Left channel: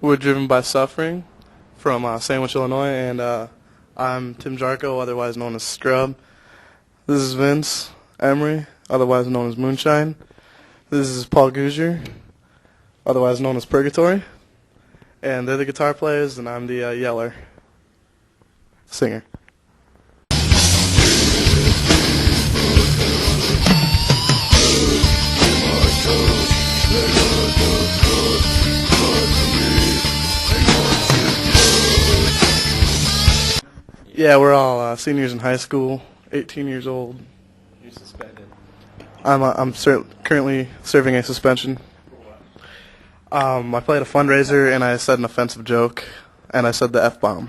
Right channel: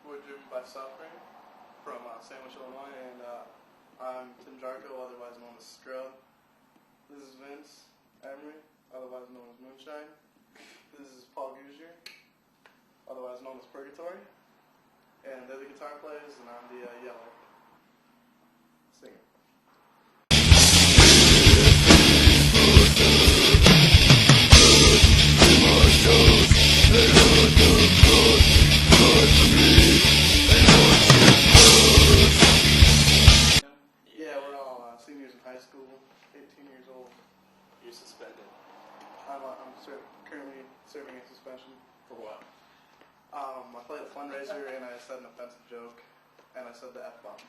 We're driven by suffering from Sandwich, Illinois, and I'm Tim Jarko, otherwise known as Scrub. This is Vince Emery, otherwise known as Moonshine. This is Paul Gouger, otherwise known as Purgatory. And they're the guitar players, and I'm the yeller, singer. Yeah, we're all seniors in high school, 18 years old. You're suspended. I'm currently serving a suspension. For what? I played a fundraiser and I said an offensive joke, and I said the F-bomb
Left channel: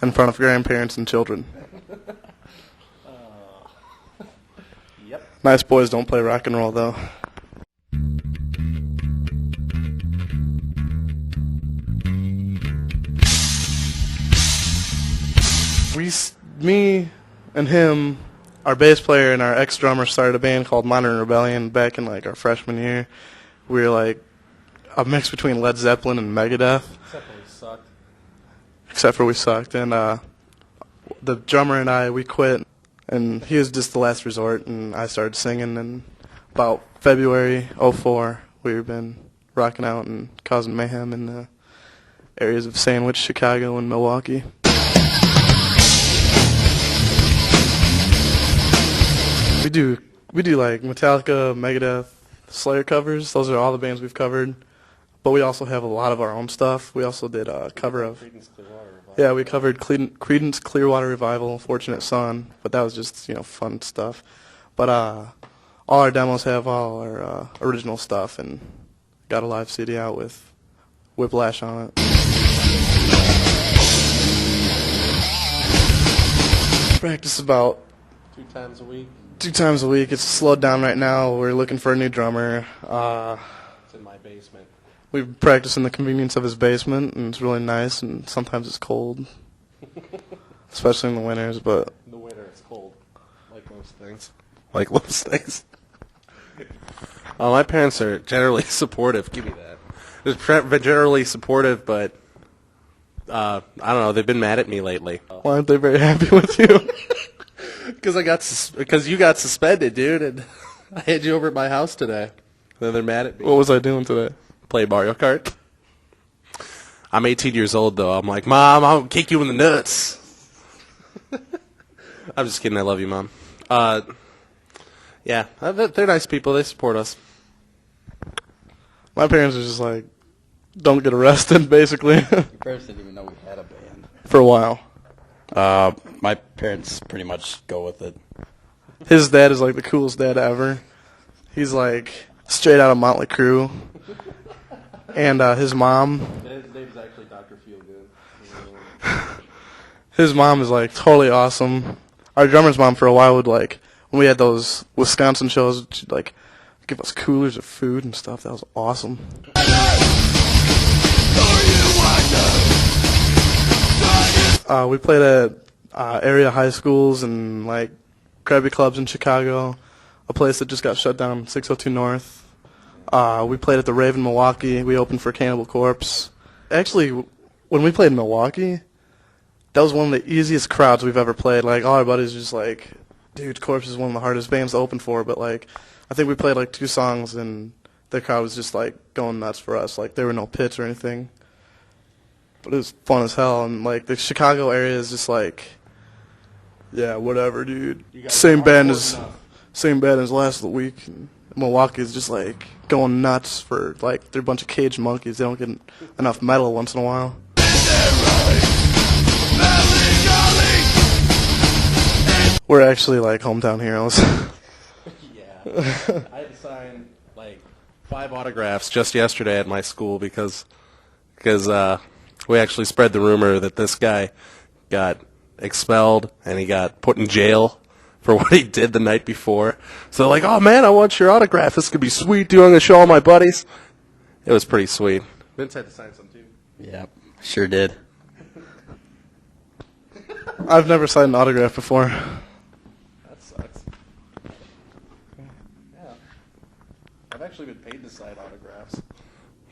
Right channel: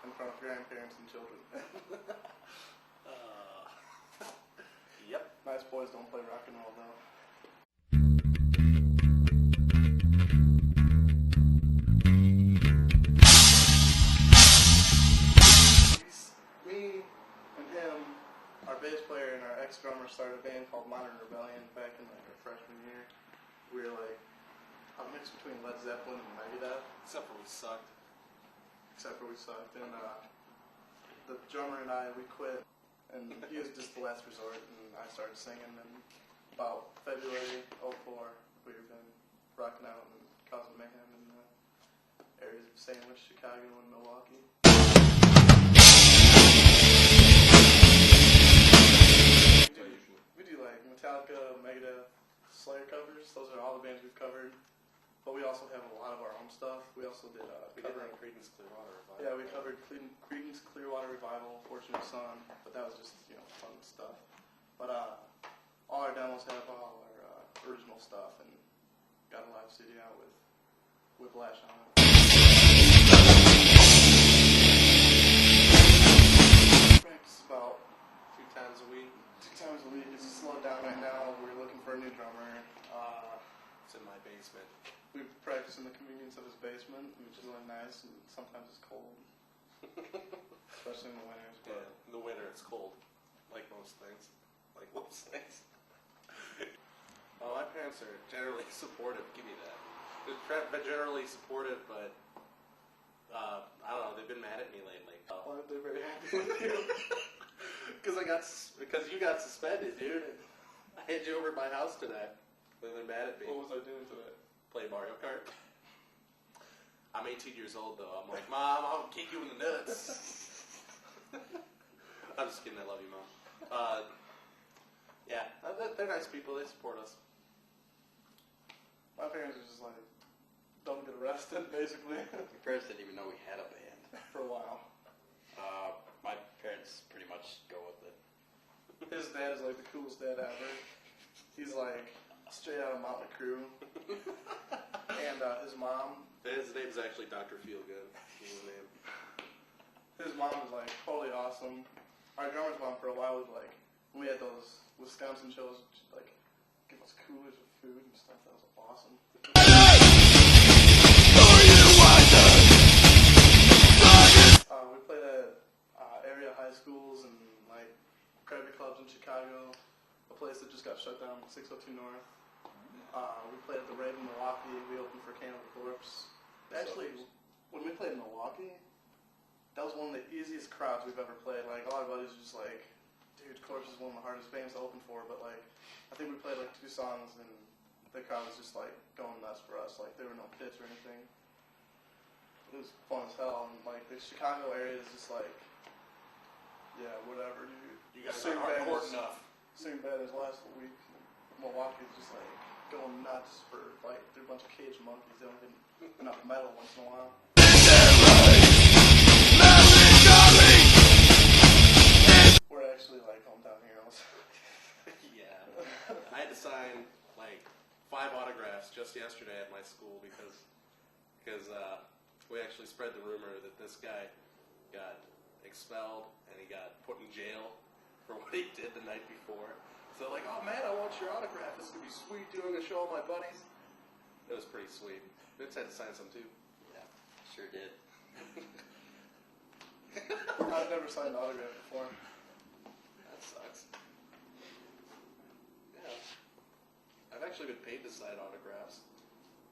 in front of grandparents and children. Yep. Nice boys don't play rock and roll, though. Me and him, our bass player and our ex-drummer started a band called Modern Rebellion back in like our freshman year. We were like a mix between Led Zeppelin and Megadeth. Except for we sucked. And the drummer and I, we quit, and he was just the last resort, and I started singing. And about February '04, we've been rocking out and causing mayhem in the areas of Sandwich, Chicago, and Milwaukee. We do like Metallica, Megadeth, Slayer covers. Those are all the bands we've covered. But we also have a lot of our own stuff. We also did a cover of... Yeah, we covered Creedence Clearwater Revival, Fortunate Son. But that was just, fun stuff. But all our demos have all our original stuff, and got a live CD out with Whiplash on it. Practice about 2 times a week. 2 times a week. It's slowed down right now. We're looking for a new drummer. It's in my basement. We practice in the convenience of his basement, and it's really nice, and sometimes it's cold. Especially in the winters, but... In the winter, it's cold. Like most things. Oh, my parents are generally supportive. Give me that. They're generally supportive, but... I don't know. They've been mad at me lately. Why aren't they very happy with you? Because you got suspended, dude, and I had you over at my house today. Then they're mad at me. What was I doing today? Play Mario Kart. I'm 18 years old, though. I'm like, Mom, I'll kick you in the nuts. I'm just kidding. I love you, Mom. Yeah, they're nice people. They support us. My parents are just like, don't get arrested, basically. My parents didn't even know we had a band. For a while. My parents pretty much go with it. His dad is like the coolest dad ever. He's like straight out of Motley Crue. And his mom... His name's actually Dr. Feelgood. His mom is like totally awesome. Our drummer's mom for a while would like, when we had those Wisconsin shows, she'd like give us coolers of food and stuff. That was awesome. We played at area high schools and like Krabby clubs in Chicago, a place that just got shut down, 602 North. We played at the Raven Milwaukee. We opened for Cannibal Corpse. Actually, when we played in Milwaukee, that was one of the easiest crowds we've ever played. Like all our buddies were just like, dude, Corpse is one of the hardest bands to open for. But like, I think we played like 2 songs and the crowd was just like going nuts for us. Like there were no pits or anything. But it was fun as hell, and like the Chicago area is just like, yeah, whatever, dude. Same band as last week. And Milwaukee is just like going nuts for like they're a bunch of caged monkeys. They don't get enough metal once in a while. We're actually like hometown heroes. Yeah, I had to sign like 5 autographs just yesterday at my school because we actually spread the rumor that this guy got expelled and he got put in jail for what he did the night before. So they're like, oh man, I want your autograph. This could be sweet, dude. I'm going to show all my buddies. It was pretty sweet. Vince had to sign some too. Yeah, sure did. I've never signed an autograph before.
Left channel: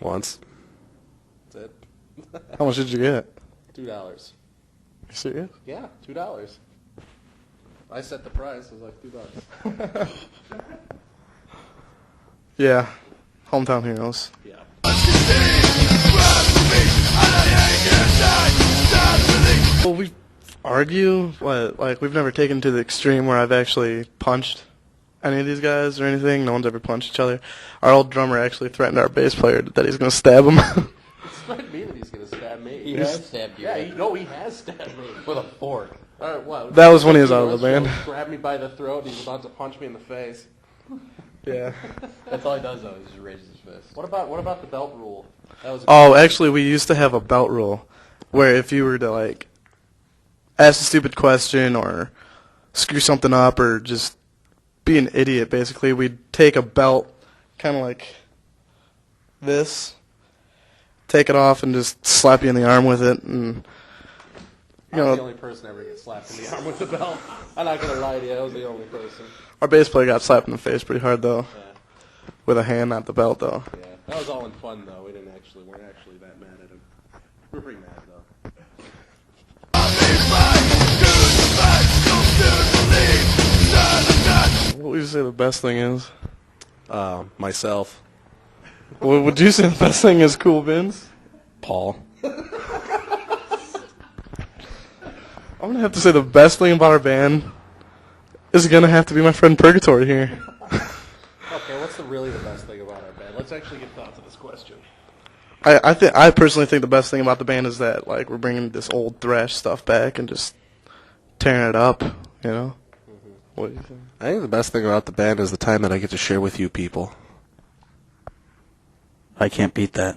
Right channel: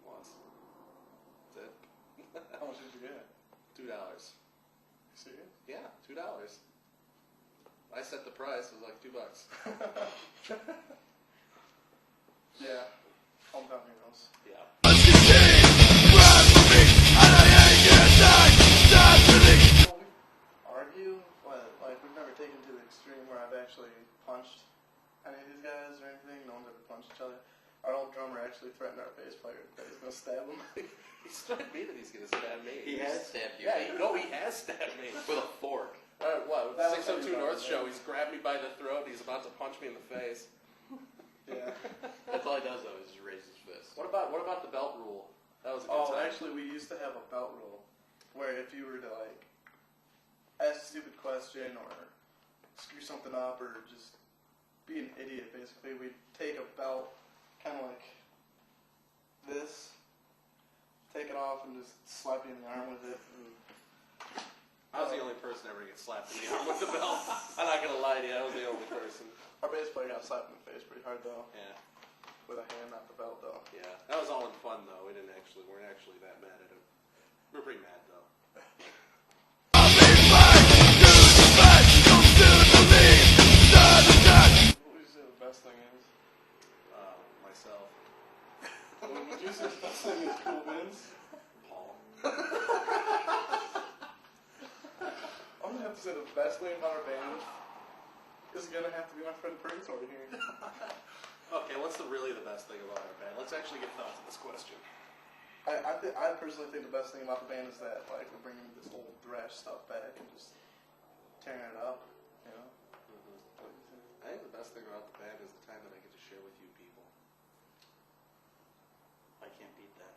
Once. That's it. How much did you get? $2. You serious? Yeah, $2. I set the price. It was like $2. Yeah. Hometown heroes. Yeah. Well, we argue, like we've never taken to the extreme where I've actually punched any of these guys or anything. No one's ever punched each other. Our old drummer actually threatened our bass player that he's going to stab him. It's not me that he's gonna stab me. He has stabbed you. Yeah, he has stabbed me With a fork. All right, what? That was when he was out of the band. Grabbed me by the throat. He's about to punch me in the face. Yeah. That's all he does, though. He just raises his fist. What about the belt rule? That was Oh, actually, we used to have a belt rule where if you were to, like, ask a stupid question or screw something up or just be an idiot, basically, we'd take a belt kind of like this, take it off, and just slap you in the arm with it. And, I was the only person ever to get slapped in the arm with the belt. I'm not gonna lie to you. I was the only person. our bass player got slapped in the face pretty hard, though, Yeah. with a hand, not the belt, though. Yeah. That was all in fun, though. Weren't actually that mad at him. We were pretty mad, though. What would you say the best thing is? Myself. What would you say the best thing is, Cool Vince? Paul. I'm going to have to say the best thing about our band is going to have to be my friend Purgatory here. Okay, what's really the best thing about our band? Let's actually get thought to this question. I personally think the best thing about the band is that, like, we're bringing this old thrash stuff back and just tearing it up, you know? What do you think? I think the best thing about the band is the time that I get to share with you people. I can't beat that.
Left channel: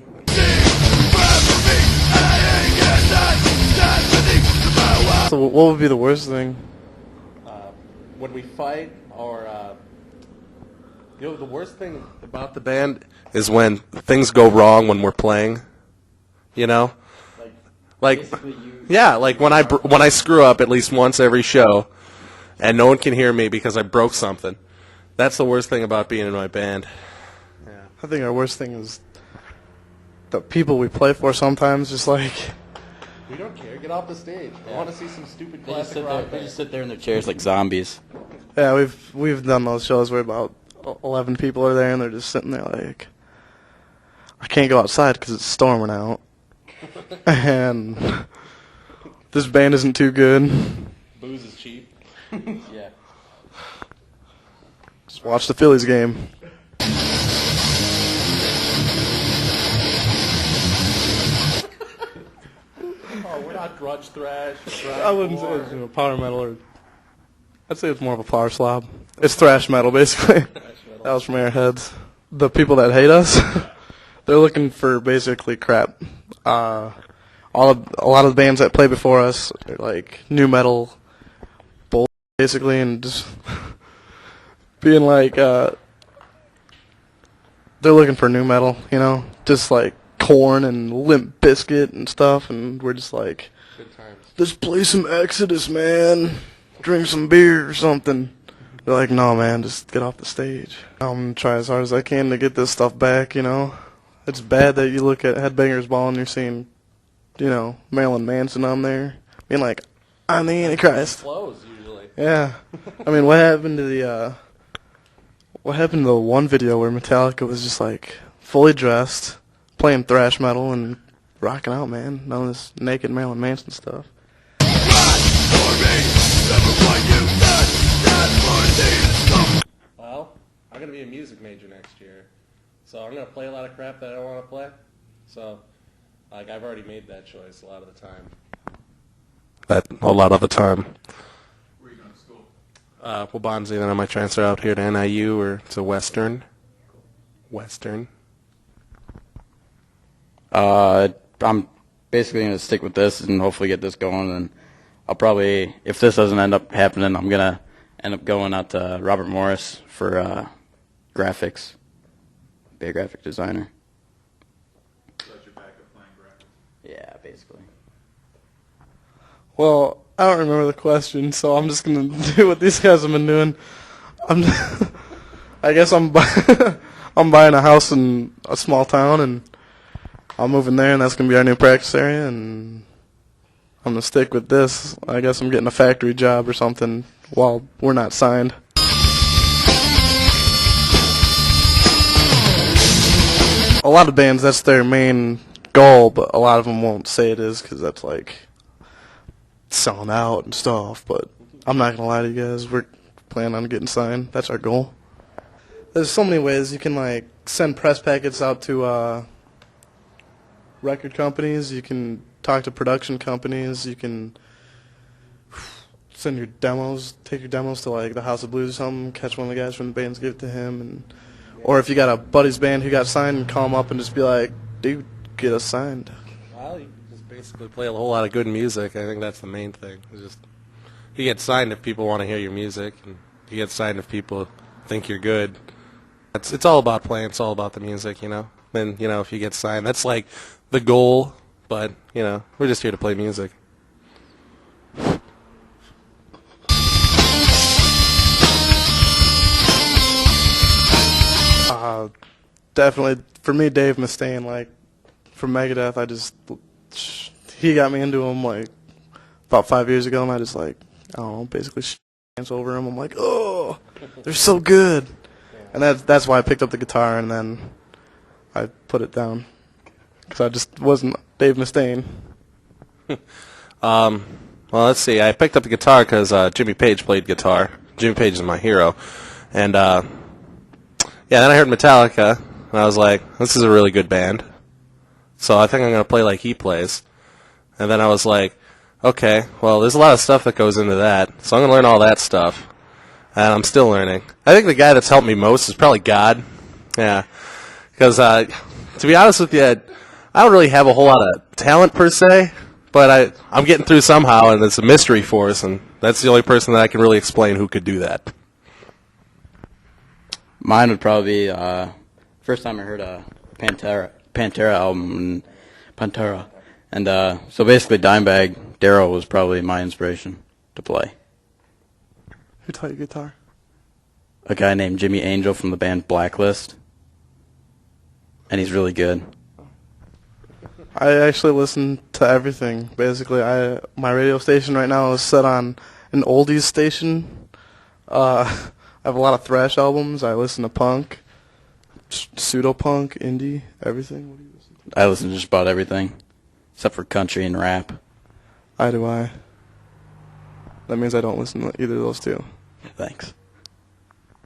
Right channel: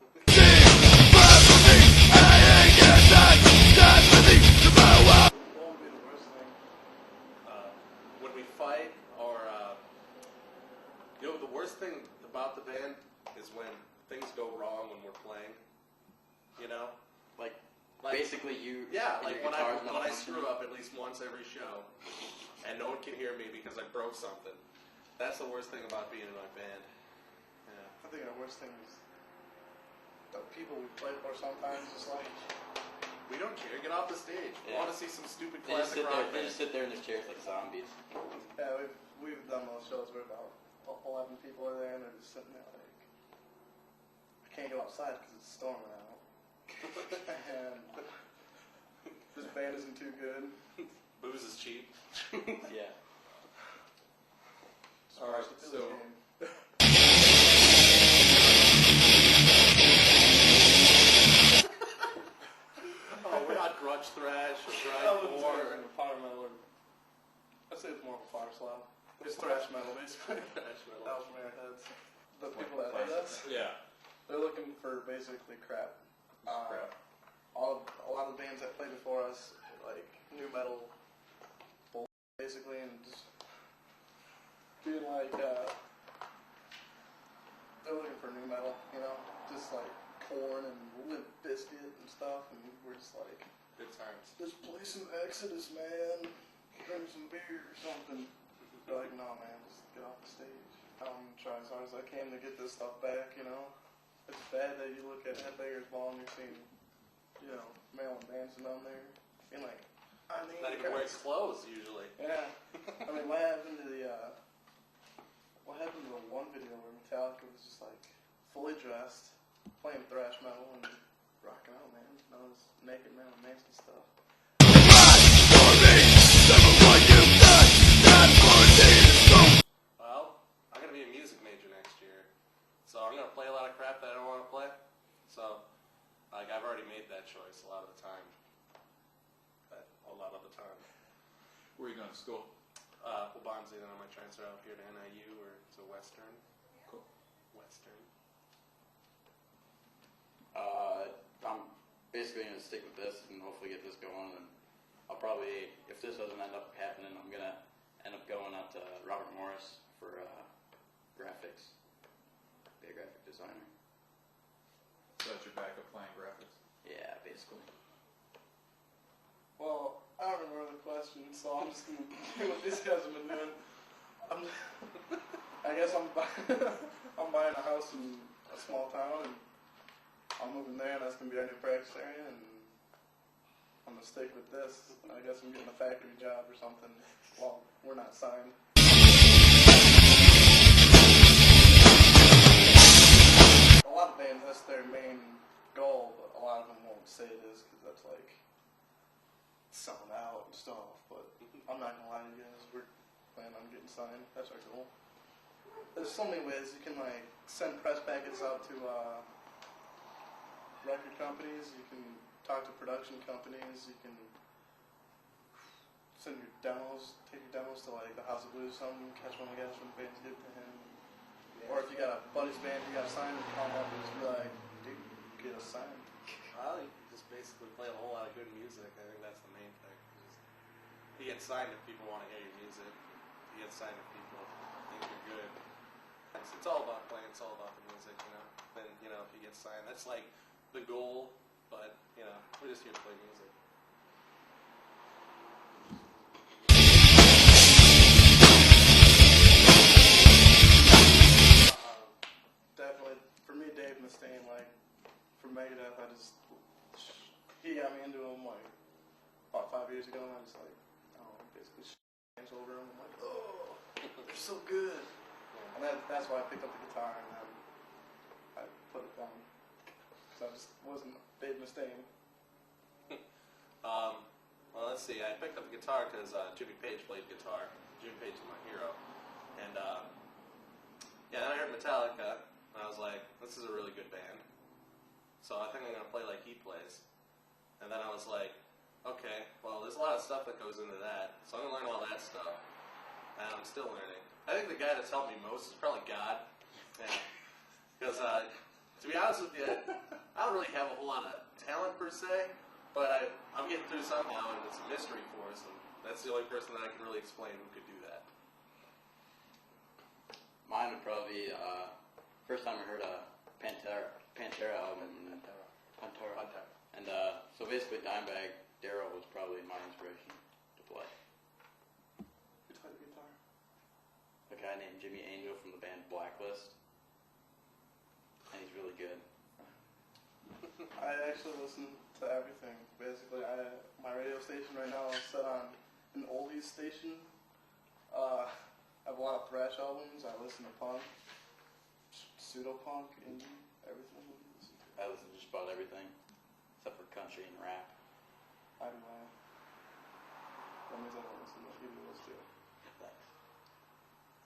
So what would be the worst thing? When we fight, or the worst thing about the band is when things go wrong when we're playing. You know, like basically you. yeah, like when I screw up at least once every show, and no one can hear me because I broke something. That's the worst thing about being in my band. I think our worst thing is the people we play for sometimes, just like, We don't care. Get off the stage. I want to see some stupid They just, classic sit there, rock. they just sit there in their chairs like zombies. yeah, we've done those shows where about 11 people are there and they're just sitting there like, I can't go outside because it's storming out. And this band isn't too good. Booze is cheap. Yeah. Just watch the Phillies game. Oh, we're not grudge thrash. I wouldn't say it's, power metal, or I'd say it's more of a power slob. It's thrash metal, basically. That was from Airheads. The people that hate us, they're looking for basically crap. A lot of the bands that play before us are like new metal, bull, basically, and just being like, they're looking for new metal, you know, just like Korn and Limp Bizkit and stuff, and we're just like, Good times. let's play some Exodus, man. Drink some beer or something. They're like, no, man, just get off the stage. I'm gonna try as hard as I can to get this stuff back, you know. It's bad that you look at Headbangers Ball and you're seeing, you know, Marilyn Manson on there, being like, I'm the Antichrist. Flows usually. Yeah. I mean, what happened to the one video where Metallica was just like fully dressed, playing thrash metal and rocking out, man? None of this naked Marilyn Manson stuff. Well, I'm gonna be a music major next year, so I'm gonna play a lot of crap that I don't want to play. So, like, I've already made that choice a lot of the time. A lot of the time. Where are you going to school? Waubonsie, then I might transfer out here to NIU or to Western. Western. I'm basically going to stick with this and hopefully get this going. And I'll probably, if this doesn't end up happening, I'm going to end up going out to Robert Morris for graphics. Be a graphic designer. So that's your backup plan, graphics. Yeah, basically. Well, I don't remember the question, so I'm just gonna do what these guys have been doing. I guess I'm buying a house in a small town, and I'll move in there, and that's going to be our new practice area, and I'm going to stick with this. I guess I'm getting a factory job or something while we're not signed. A lot of bands, that's their main goal, but a lot of them won't say it is because that's like selling out and stuff. But I'm not going to lie to you guys. We're planning on getting signed. That's our goal. There's so many ways you can like send press packets out to record companies. You can talk to production companies. You can send your demos, take your demos to like the House of Blues or something, catch one of the guys from the bands, give it to him, and or if you got a buddy's band who got signed, call him up and just be like, dude, get us signed. Well, you just basically play a whole lot of good music. I think that's the main thing. It's just you get signed if people want to hear your music, and you get signed if people think you're good. It's all about playing. It's all about the music, you know. And if you get signed, that's like the goal. But we're just here to play music. Definitely, for me, Dave Mustaine, like, from Megadeth, he got me into him, like, about 5 years ago, and I just, like, I don't know, basically dance over him. I'm like, oh, they're so good. And that's why I picked up the guitar, and then I put it down, because I just wasn't Dave Mustaine. Well, let's see. I picked up the guitar because Jimmy Page played guitar. Jimmy Page is my hero. And, then I heard Metallica, and I was like, this is a really good band. So I think I'm going to play like he plays. And then I was like, okay, well, there's a lot of stuff that goes into that. So I'm going to learn all that stuff. And I'm still learning. I think the guy that's helped me most is probably God. Yeah. Because, to be honest with you, I don't really have a whole lot of talent per se. But I'm getting through somehow, and it's a mystery force, and that's the only person that I can really explain who could do that. Mine would probably be first time I heard a Pantera album, Pantera, and so basically Dimebag Darrell was probably my inspiration to play. Who taught you guitar? A guy named Jimmy Angel from the band Blacklist, and he's really good. I actually listen to everything. Basically, my radio station right now is set on an oldies station. I have a lot of thrash albums. I listen to punk, pseudo-punk, indie, everything. What do you listen to? I listen to just about everything, except for country and rap. I. That means I don't listen to either of those two. Thanks.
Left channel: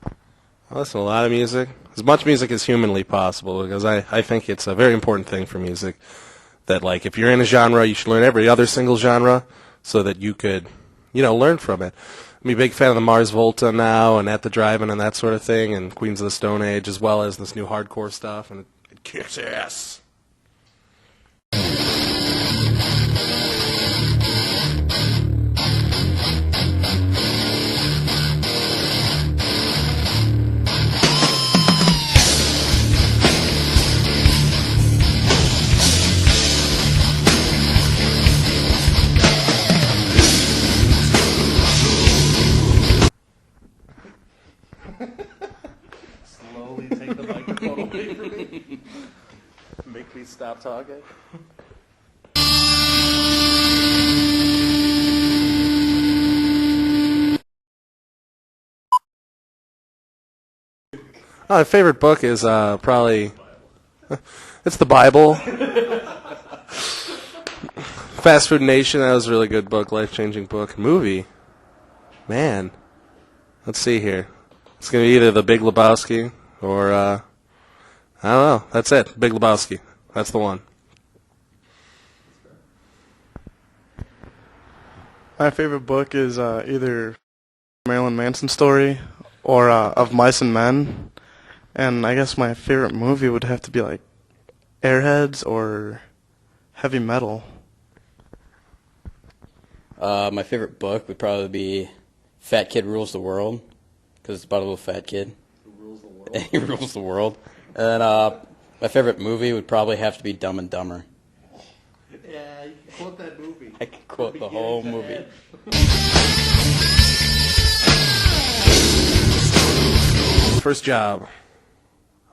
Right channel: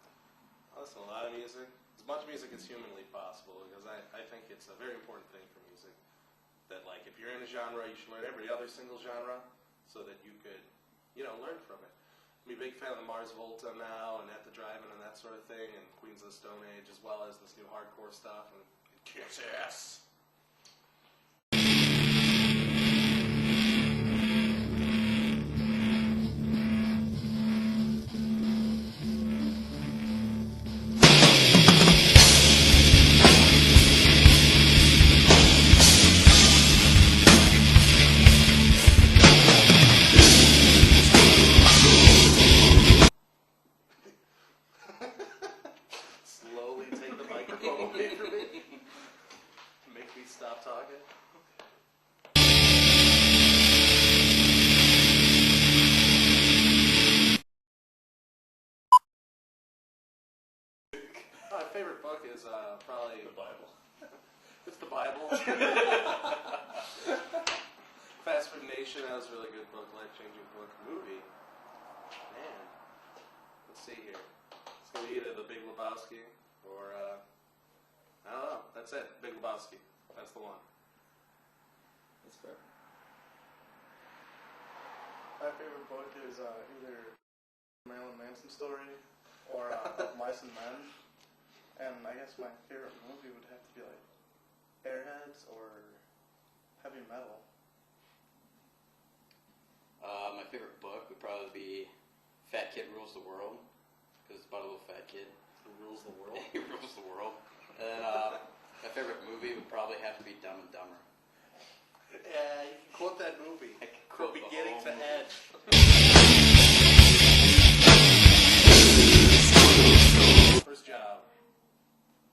I listen to a lot of music, as much music as humanly possible, because I think it's a very important thing for music that, like, if you're in a genre, you should learn every other single genre so that you could, learn from it. I'm a big fan of the Mars Volta now and At the Drive-In and that sort of thing, and Queens of the Stone Age, as well as this new hardcore stuff, and it kicks ass. Slowly take the microphone away from me. Make me stop talking. My favorite book is probably it's the Bible. Fast Food Nation, that was a really good book, life-changing book. Movie, man. Let's see here. It's gonna be either The Big Lebowski or I don't know. That's it. Big Lebowski. That's the one. My favorite book is either Marilyn Manson story or Of Mice and Men. And I guess my favorite movie would have to be like Airheads or Heavy Metal. My favorite book would probably be Fat Kid Rules the World, because it's about a little fat kid. He rules the world. And my favorite movie would probably have to be Dumb and Dumber. Yeah, you can quote that movie. I could quote the whole movie. First job.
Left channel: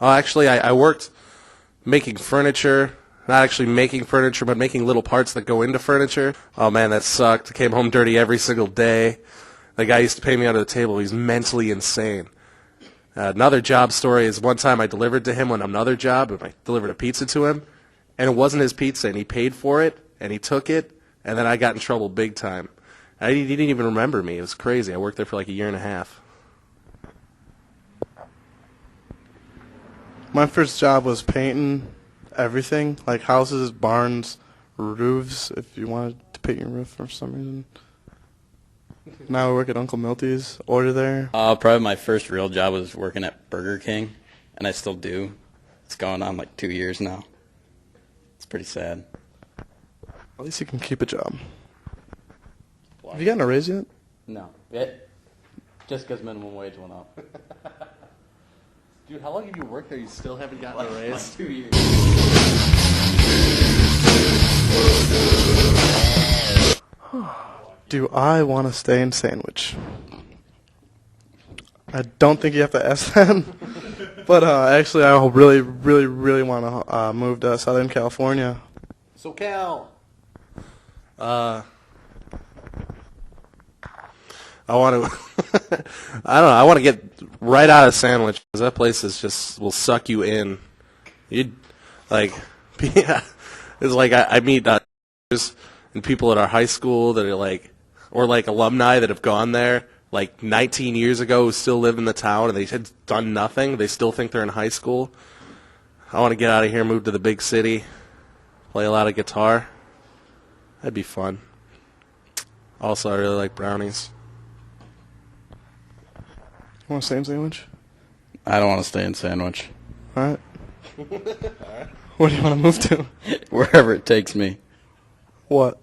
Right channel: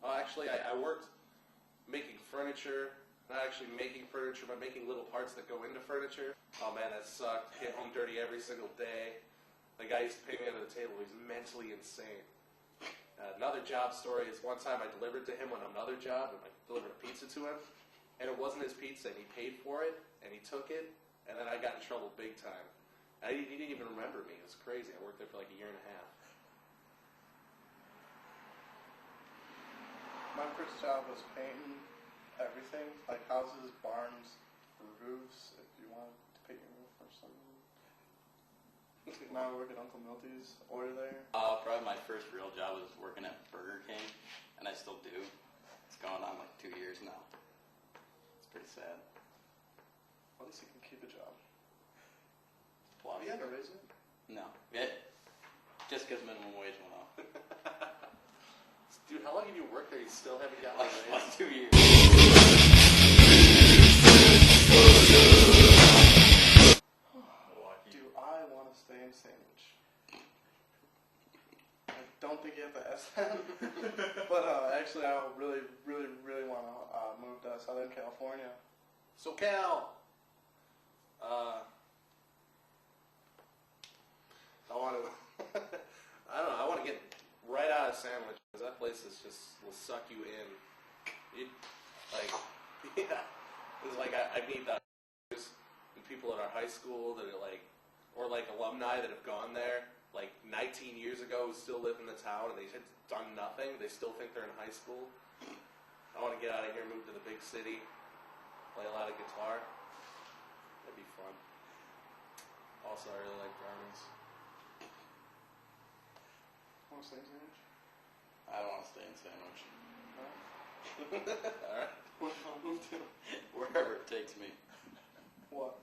Oh, actually, I worked making furniture not actually making furniture, but making little parts that go into furniture. Oh man, that sucked. I came home dirty every single day. The guy used to pay me under the table. He's mentally insane. Another job story is one time I delivered to him on another job, and I delivered a pizza to him, and it wasn't his pizza, and he paid for it, and he took it, and then I got in trouble big time. He didn't even remember me. It was crazy. I worked there for like a year and a half. My first job was painting everything, like houses, barns, roofs, if you wanted to paint your roof for some reason. Now I work at Uncle Milty's, order there. Probably my first real job was working at Burger King, and I still do. It's going on like 2 years now. It's pretty sad. At least you can keep a job. Have you gotten a raise yet? No. Just because minimum wage went up. Dude, how long have you worked there? You still haven't gotten a raise? Like 2 years. Do I want to stay in Sandwich? I don't think you have to ask that. But actually, I really, really, really want to move to Southern California. SoCal. I want to. I don't know. I want to get right out of Sandwich because that place is just will suck you in. You like, yeah. It's like I meet and people at our high school that are like, or like alumni that have gone there like 19 years ago who still live in the town and they had done nothing. They still think they're in high school. I want to get out of here, move to the big city, play a lot of guitar. That'd be fun. Also, I really like brownies. You want to stay in Sandwich? I don't want to stay in Sandwich. All right. Where do you want to move to? Wherever it takes me. What?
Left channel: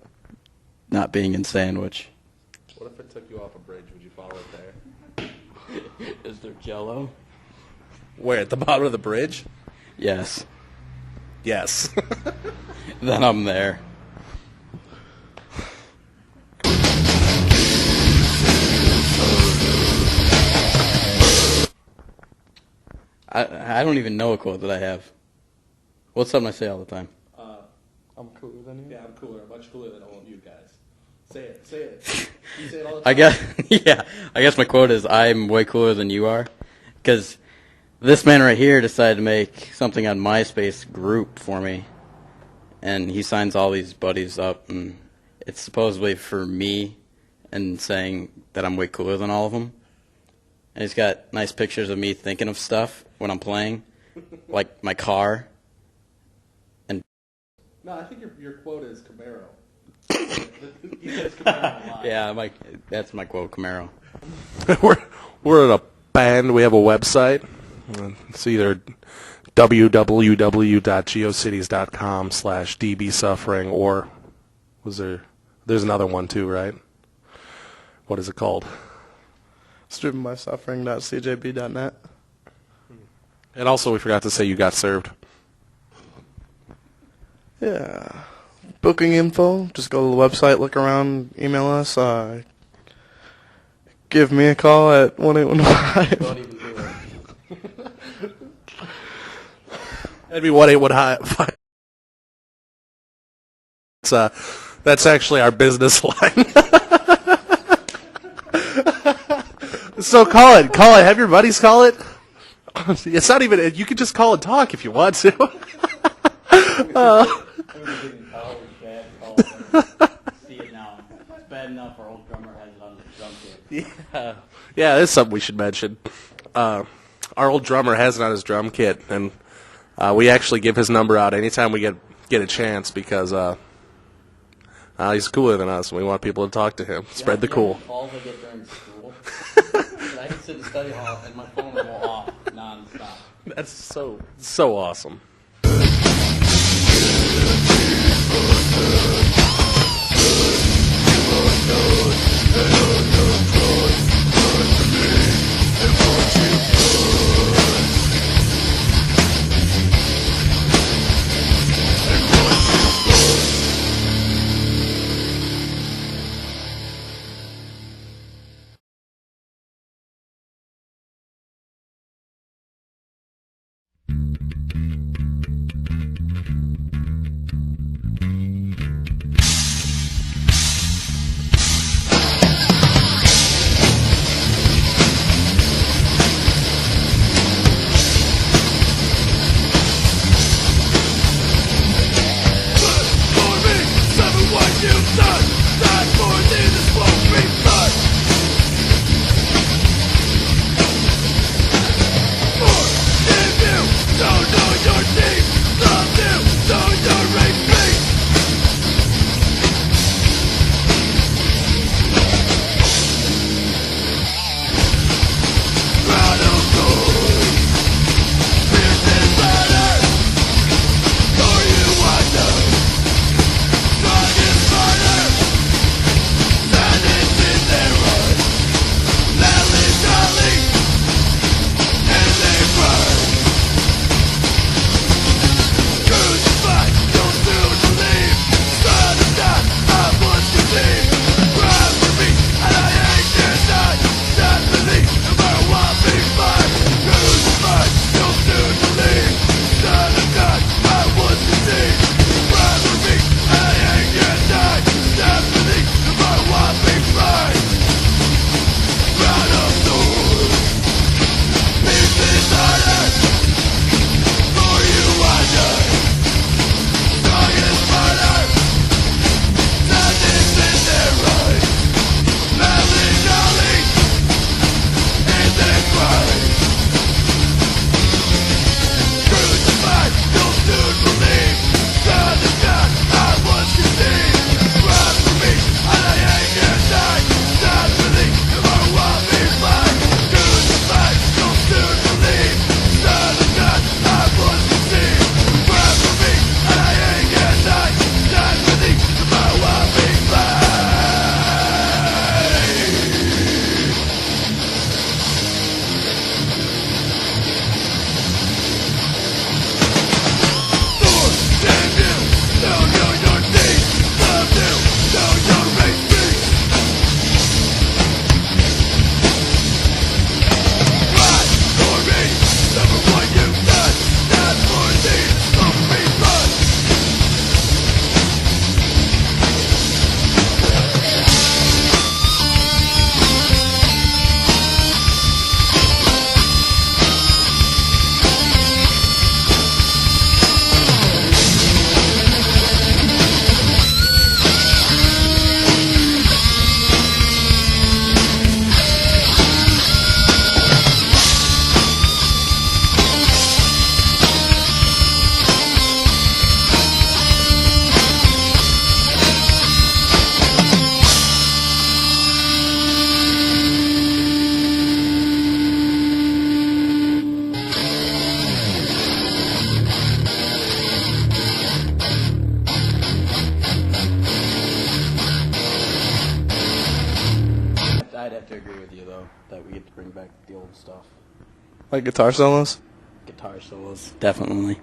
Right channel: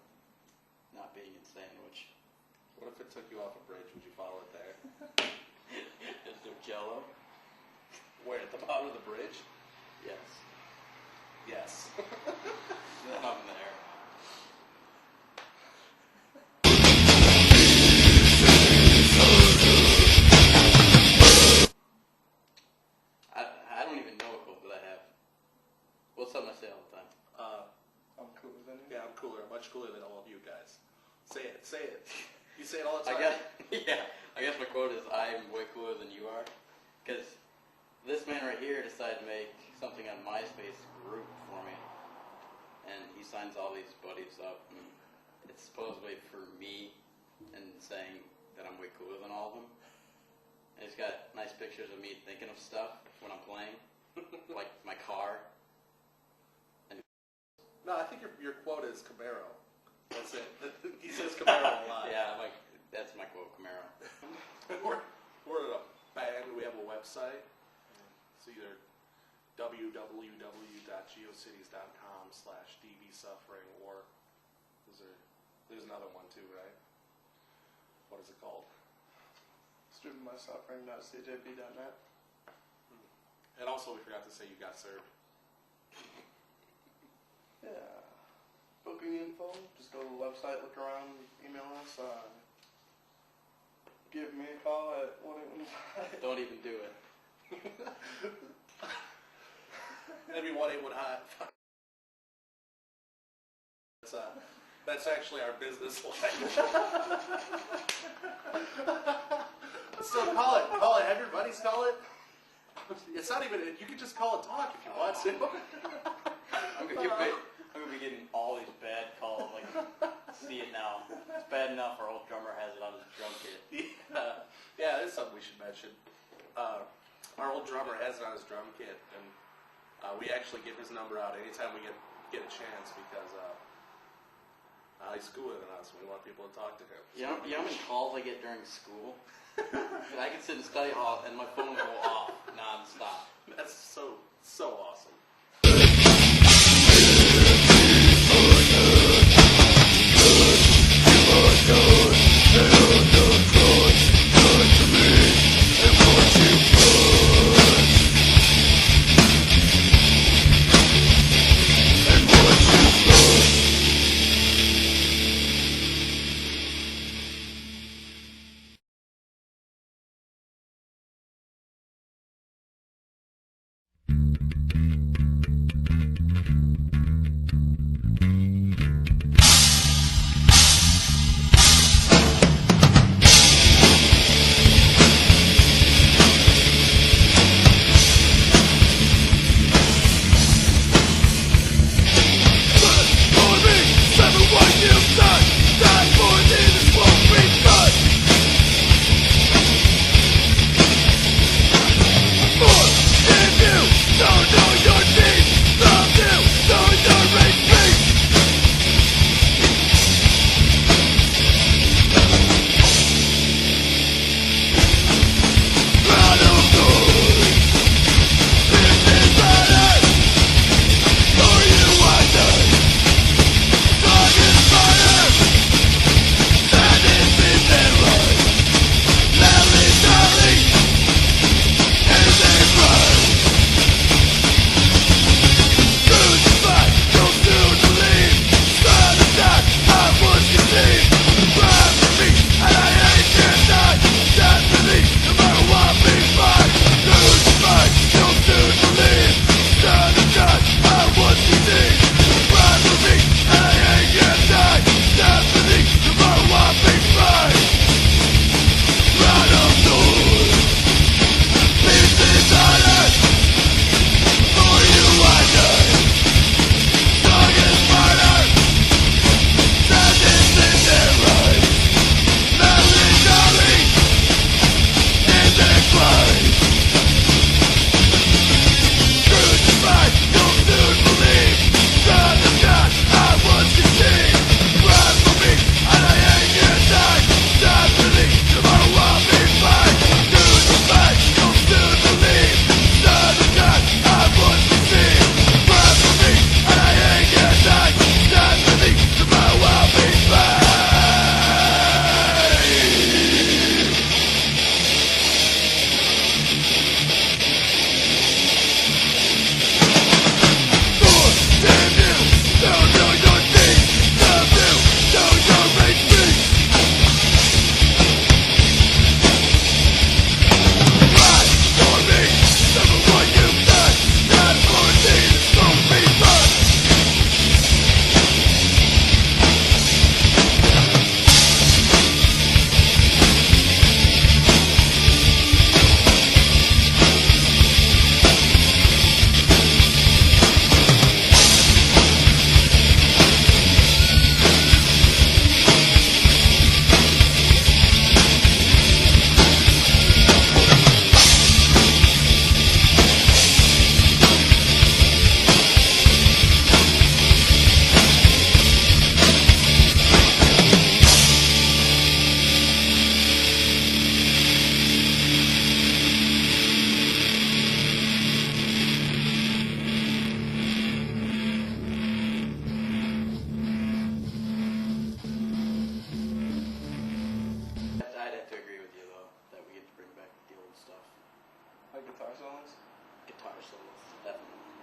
Not being in Sandwich. What if it took you off a bridge? Would you follow it there? Is there Jello? Where, at the bottom of the bridge? Yes. Yes. Then I'm there. I don't even know a quote that I have. What's something I say all the time? I'm cooler than you. Yeah, I'm cooler. I'm much cooler than all of you guys. Say it. Say it. You say it all the time. I guess, yeah. I guess my quote is, "I'm way cooler than you are," because this man right here decided to make something on MySpace group for me, and he signs all these buddies up, and it's supposedly for me, and saying that I'm way cooler than all of them. And he's got nice pictures of me thinking of stuff when I'm playing, like my car. No, I think your quote is Camaro. He says Camaro a lot. Yeah, that's my quote, Camaro. we're in a band. We have a website. It's either www.geocities.com/dbsuffering or there's another one too, right? What is it called? It's driven by suffering.cjb.net. And also we forgot to say you got served. Yeah. Booking info, just go to the website, look around, email us. Give me a call at 1-815. Don't even do it. That'd be 1-815. That's actually our business line. So call it. Have your buddies call it. It's not even. You can just call and talk if you want to. We were getting all these bad calls. See it now. It's bad enough our old drummer has it on his drum kit. Yeah, that's something we should mention. Our old drummer has it on his drum kit, and we actually give his number out anytime we get a chance because he's cooler than us, and we want people to talk to him. Spread the cool. Calls I get during school. I can sit in study hall and my phone will go off nonstop. That's so awesome. that we get to bring back the old stuff. Like guitar solos? Guitar solos, definitely.